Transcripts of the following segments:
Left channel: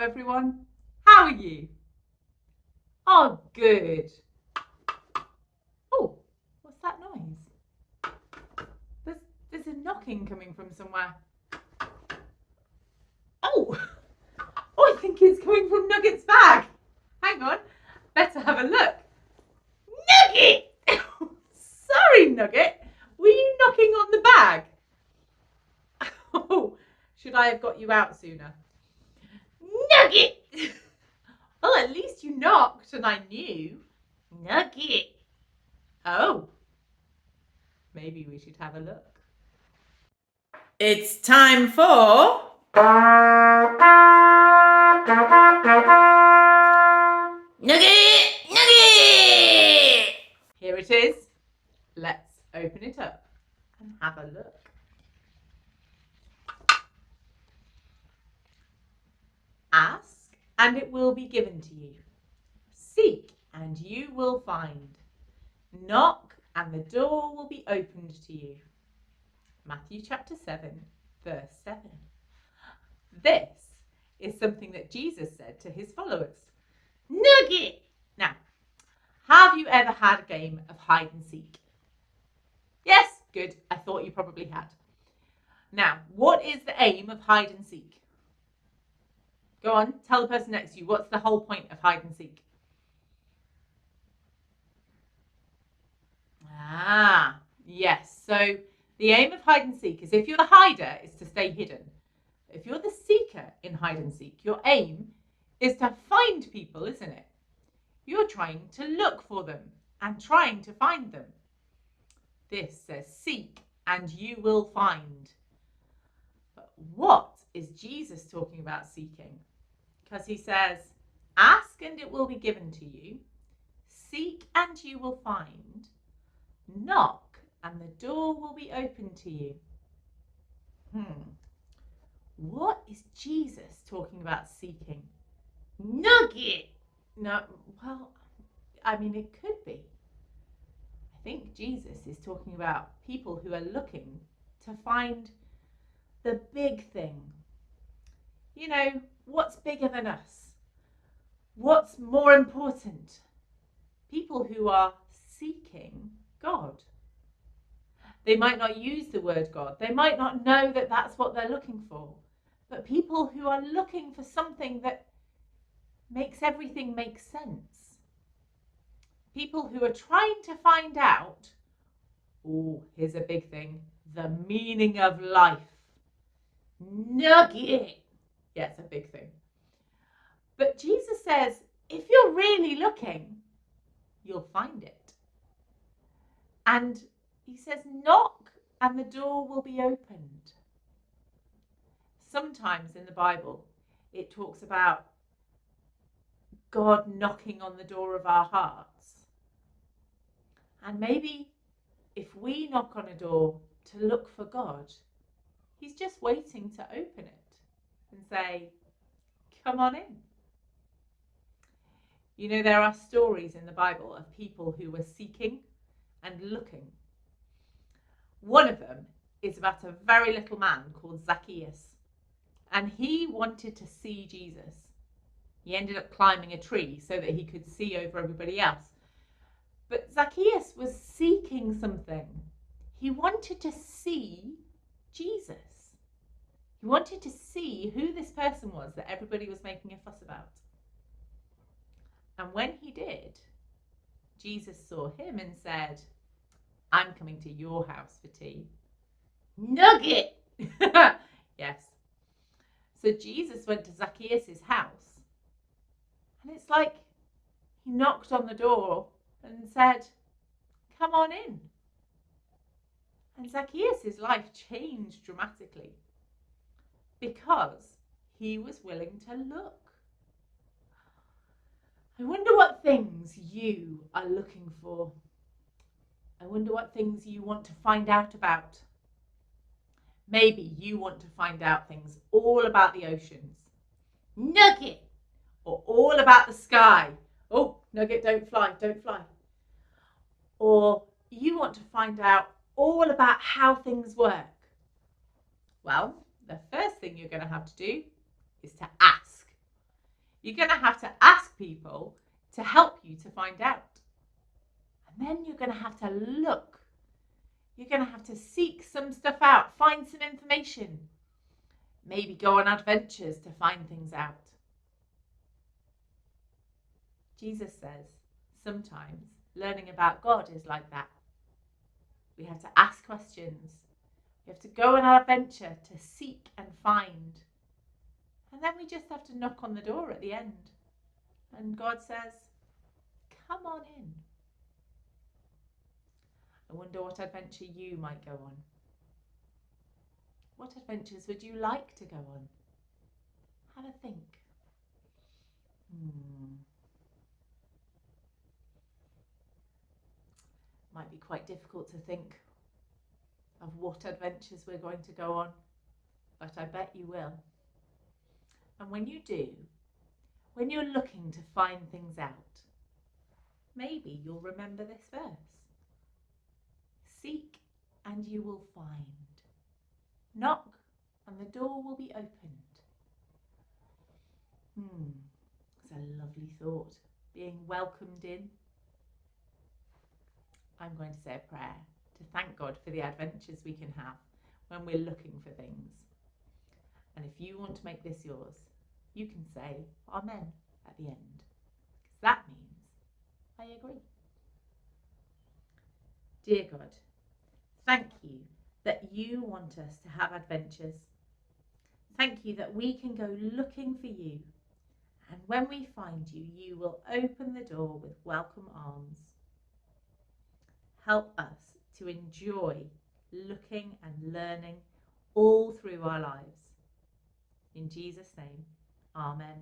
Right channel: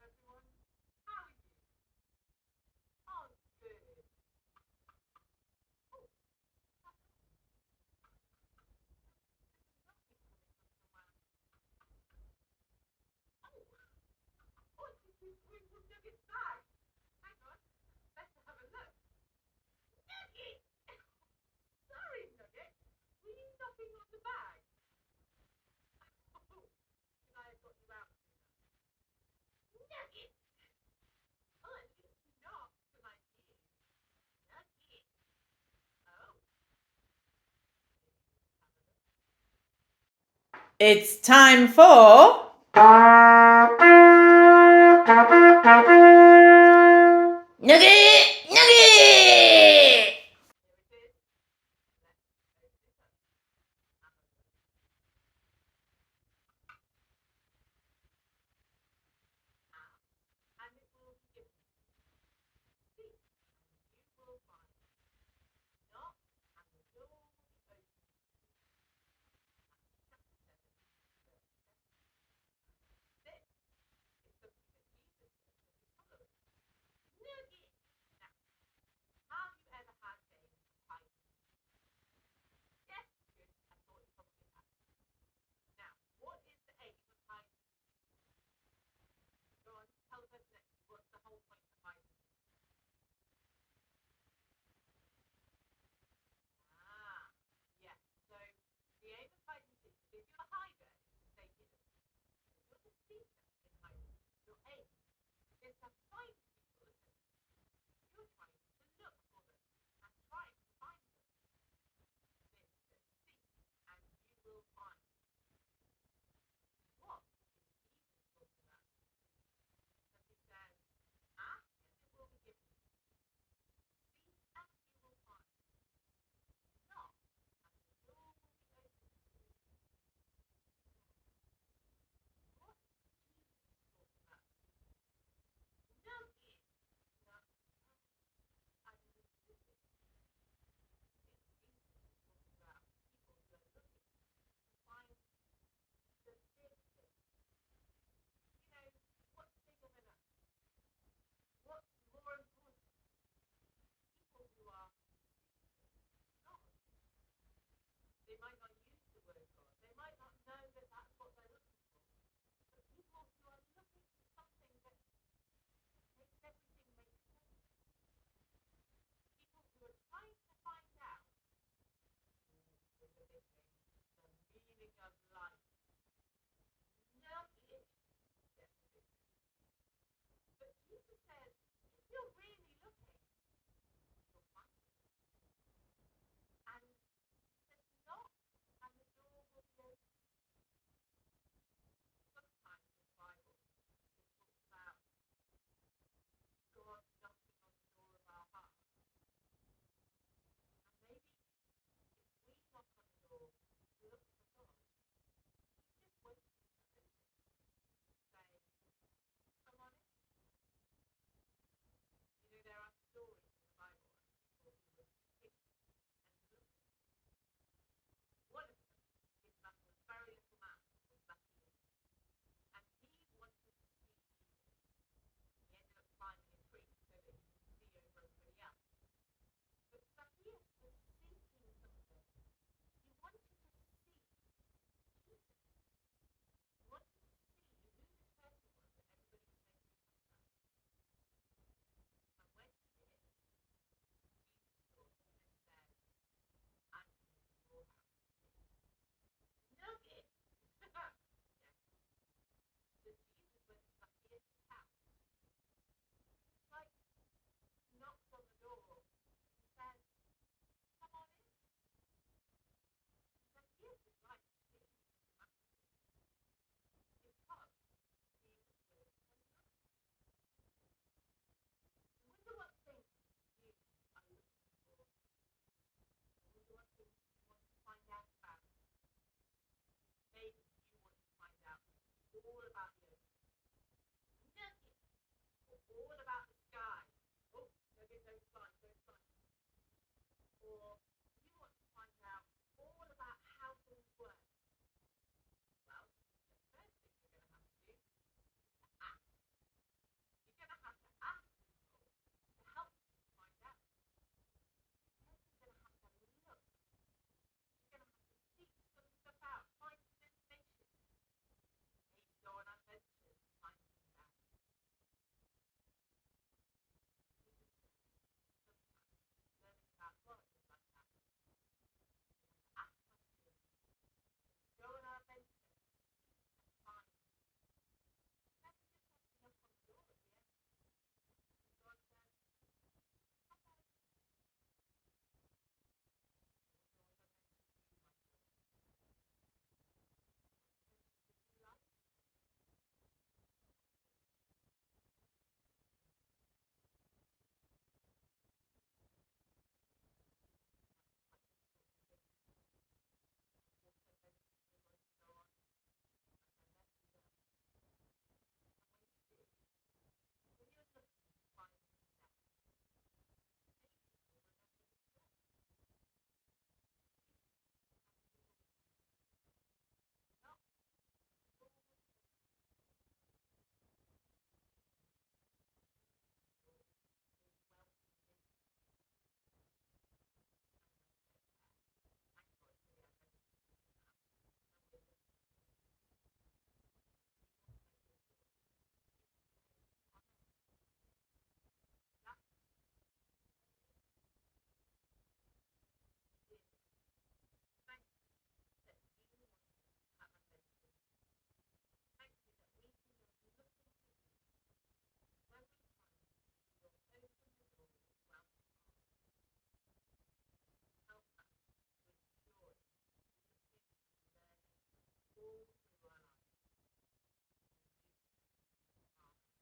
everyone. How are you? Oh, good. Oh, what's that noise? There's a knocking coming from somewhere. Oh, I think it's coming from Nugget's bag. Hang on, better have a look. Nugget! Sorry, Nugget. Were you knocking on the bag? Oh, should I have got you out sooner? Nugget! Well, at least you knocked and I knew. Nugget. Oh, maybe we should have a look. It's time for... Nugget! Nugget! Here it is. Let's open it up and have a look. Ask and it will be given to you. Seek and you will find. Knock and the door will be opened to you. Matthew chapter 7, verse 7. This is something that Jesus said to his followers. Nugget! Now, have you ever had a game of hide and seek? Yes, good. I thought you probably had. Now, what is the aim of hide and seek? Go on, tell the person next to you, what's the whole point of hide and seek? Ah, yes. So the aim of hide and seek is if you're the hider, is to stay hidden. If you're the seeker in hide and seek, your aim is to find people, isn't it? You're trying to look for them and trying to find them. This says seek and you will find. But what is Jesus talking about seeking? Because he says, ask and it will be given to you. Seek and you will find. Knock and the door will be open to you. What is Jesus talking about seeking? Nugget! No, well, I mean, it could be. I think Jesus is talking about people who are looking to find the big thing. You know, what's bigger than us? What's more important? People who are seeking God. They might not use the word God. They might not know that that's what they're looking for. But people who are looking for something that makes everything make sense. People who are trying to find out, oh, here's a big thing, the meaning of life. Nugget! Yeah, it's a big thing. But Jesus says, if you're really looking, you'll find it. And he says, knock and the door will be opened. Sometimes in the Bible, it talks about God knocking on the door of our hearts. And maybe if we knock on a door to look for God, he's just waiting to open it and say, come on in. You know, there are stories in the Bible of people who were seeking and looking. One of them is about a very little man called Zacchaeus. And he wanted to see Jesus. He ended up climbing a tree so that he could see over everybody else. But Zacchaeus was seeking something. He wanted to see Jesus. He wanted to see who this person was that everybody was making a fuss about. And when he did, Jesus saw him and said, I'm coming to your house for tea. Nugget! Yes. So Jesus went to Zacchaeus' house. And it's like he knocked on the door and said, come on in. And Zacchaeus' life changed dramatically because he was willing to look. I wonder what things you are looking for. I wonder what things you want to find out about. Maybe you want to find out things all about the oceans. Nugget! Or all about the sky. Oh, Nugget, don't fly, don't fly. Or you want to find out all about how things work. Well, the first thing you're going to have to do is to ask. You're going to have to ask people to help you to find out. And then you're going to have to look. You're going to have to seek some stuff out, find some information. Maybe go on adventures to find things out. Jesus says sometimes learning about God is like that. We have to ask questions. We have to go on an adventure to seek and find. And then we just have to knock on the door at the end. And God says, come on in. I wonder what adventure you might go on. What adventures would you like to go on? Have a think. Might be quite difficult to think of what adventures we're going to go on, but I bet you will. And when you do, when you're looking to find things out, maybe you'll remember this verse. Seek and you will find. Knock and the door will be opened. It's a lovely thought, being welcomed in. I'm going to say a prayer to thank God for the adventures we can have when we're looking for things. And if you want to make this yours, you can say Amen at the end. That means I agree. Dear God, thank you that you want us to have adventures. Thank you that we can go looking for you. And when we find you, you will open the door with welcome arms. Help us to enjoy looking and learning all through our lives. In Jesus' name, Amen.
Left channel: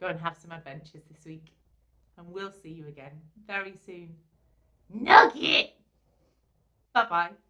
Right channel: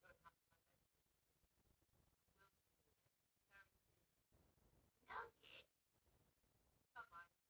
Go and have some adventures this week, and we'll see you again very soon. Nugget! Bye-bye.